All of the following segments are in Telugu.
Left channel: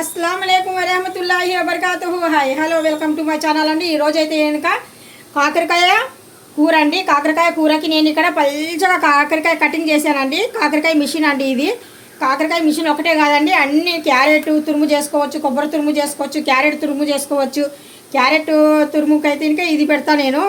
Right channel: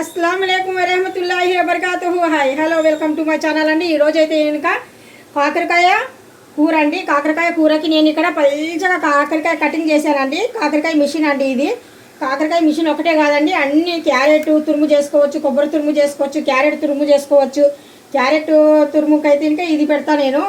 अस्सलाम वालेकुम वरहमतुल्लाहि वबरकातुहू। Hi hello welcome to my channel అండి। ఈరోజు అయితే కనుక కాకరకాయ కూర అండి। కాకరకాయ కూరకి నేను ఇక్కడ పల్చగా కాకరకాయ కటింగ్ చేశానండి। కాకరకాయ మిషన్ అండి ఇది। కాకరకాయ మిషన్ ఒకటే కాదండి, అన్ని క్యారెట్ తురుము చేసుకోవచ్చు, కొబ్బరి తురుము చేసుకోవచ్చు, క్యారెట్ తురుము చేసుకోవచ్చు। క్యారెట్ తురుముకి అయితే ఇంకా ఇది పెడతా నేను,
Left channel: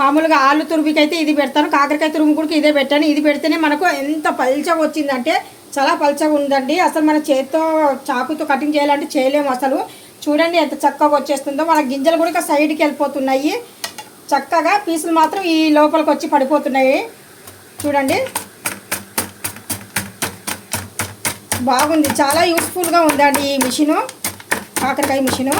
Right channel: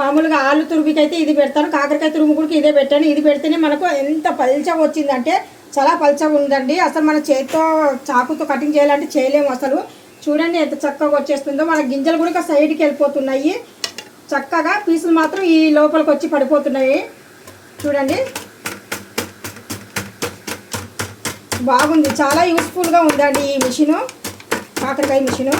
మామూలుగా ఆలు తురుముకి అయితే ఇది పెడతాను, కాకరకాయ తురుము కూడా ఇదే పెట్టాను। ఇది పెడితేనే మనకు ఎంత పల్చగా వచ్చిందంటే చాలా పల్చగా ఉందండి। అసలు మన చేతితో చాకుతో కటింగ్ చేయాలంటే చేయలేము అసలు। చూడండి ఎంత చక్కగా వచ్చేస్తుందో, మన గింజలు కూడా సైడ్కి వెళ్ళిపోతున్నాయి, చక్కగా పీసులు మాత్రం ఈ లోపలికి వచ్చి పడిపోతున్నాయి। చూడండి బాగుంది, చాలా యూస్ఫుల్గా ఉందండి ఈ మిషను, కాకరకాయ మిషను,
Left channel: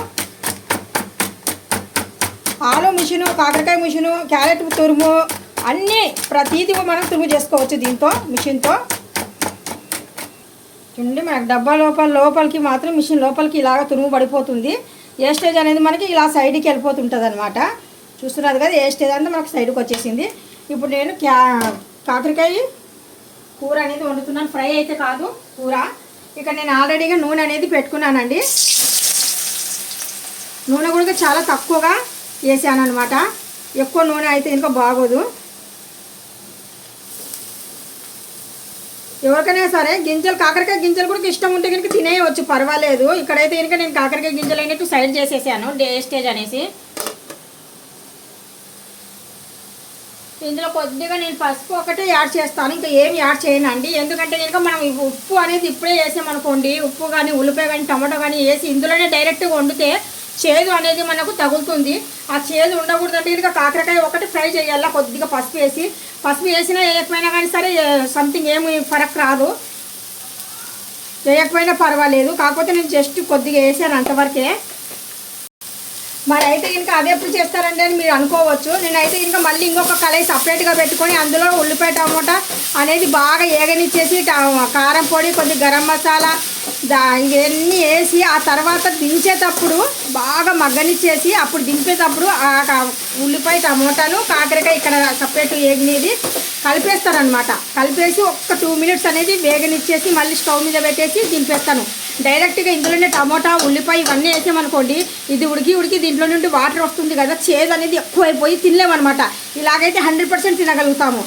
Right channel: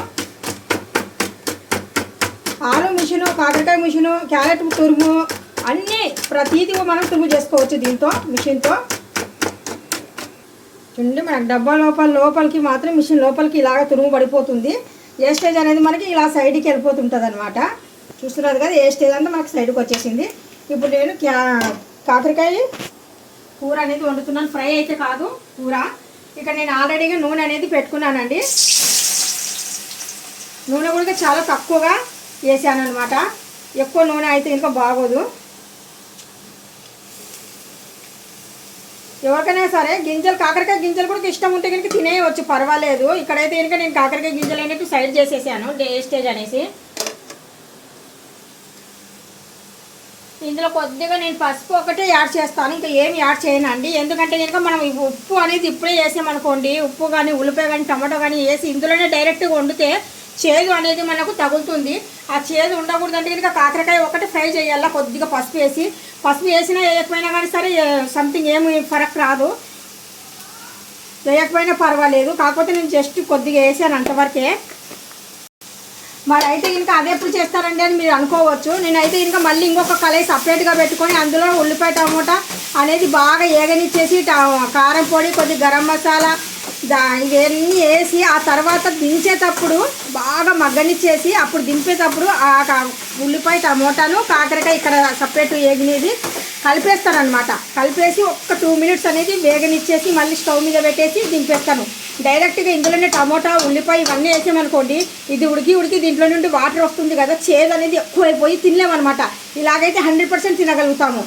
ఆలు మిషను, కాకరకాయ మిషను, క్యారెట్ తురుము అన్నీ ప్రతిదీ మనం తురుము చేసుకోవచ్చు దీంతో, మిషన్తో। చూడండి మనకు డబ్బా లోపలికి మాత్రం మిషన్ లోపలికి ఇలాగ తురుము పడిపోతుంది, వేస్టేజ్ అనేది మనకి ఇలా సైడ్కి వెళ్ళిపోతుంటుంది అనమాట। చూస్తున్నారు కదా, వేస్టేజ్ అంతా మనకు సైడ్కి వచ్చేసింది। ఇప్పుడు నేను కాకరకాయ కూర అనేది వండుతున్నాను, ఫ్రై అయితే కాదు కూర। ఇక్కడ నేను ఆల్రెడీగా నూనె అనేది పెట్టుకున్నానండి, నూనె కూడా చాలా తక్కువగా వేసాను అనమాట, ఎక్కువ నూనె అయితే ఇంకా బాగోదు। ఎవరికైనా సరే గింజలు, కాకరకాయ గింజలు కూడా ఇష్టం ఉంటే కనుక తినేయవచ్చు, పర్వాలేదు। ఇక్కడైతే కనుక నేను కాకరకాయ గింజలు అనేవి సైడ్ చేసేసాను వేస్టేజ్ అనేసి। ఇందులో కొద్దిగా నేను పసుపు ఒకటే యాడ్ చేస్తాను, ఇంకా ఏం యాడ్ చేయనండి। ఎందుకంటే కనుక మనం ఉప్పు అనేది ఇప్పుడే వేసామనుకోండి, ఉప్పు కానీ ఉల్లిపాయ కానీ టమాటో కానీ వేసి ఇందులోనే డైరెక్ట్గా వండితే చేదు అనేది మనకు తగులుతుంది, ఆ చేదు ఉండకూడదంటే కనుక కాకరకాయ ఒకటి ఫ్రై చేయాలా, కొద్దిగా పసుపు వేసి, పసుపు వేసినా వేయకపోయినా కానీ సరే సంథింగ్ ఏమి ఫరక్ రాదు, వేయకపోయినా పర్వాలేదు, కాకపోతే నేను జస్ట్ కొద్దిగా వేసాను అంతవరకే। మరి అయితే ఇంకా అదే ఎప్పుడు చేస్తారండి అని మీరు అనుకోవచ్చు। నేనైతే ఇంకా మళ్ళీ ఇంకొక కళాయి సపరేట్గా పెట్టుకొని అందులో ఉల్లిపాయ టమోటా అనేది బాగా ఏగనిచ్చేసి, కారం పొడి, కొద్ది గరం మసాలా ఇవన్నీ వేసి ఆ తర్వాత దించేటప్పుడు బాగా మగ్గనిచ్చేసి, అప్పుడు దింపేటప్పుడు ఆ ఉల్లిపాయ టమోటాను కాకరకాయ ఇక్కడ సపరేట్ వేగినది కలిపేస్తాను, కలిపేసి ఒక్క 2 మినిట్స్ అనేది వేగనిచ్చేసి మళ్ళీ స్టవ్ మీద పెట్టేసి దింపేస్తాను। డైరెక్ట్గా ఇందులోనే టమోటా ఉల్లిపాయ ఇవన్నీ వేసామనుకోండి, ఇది ఉడికి దీంట్లో నుండి వాటర్ వస్తుంది కదా, చేదు అనేది ఎక్కువైపోయి తినలేమన్నమాట। ఇలాగైతే 100% తినగలుగుతాము।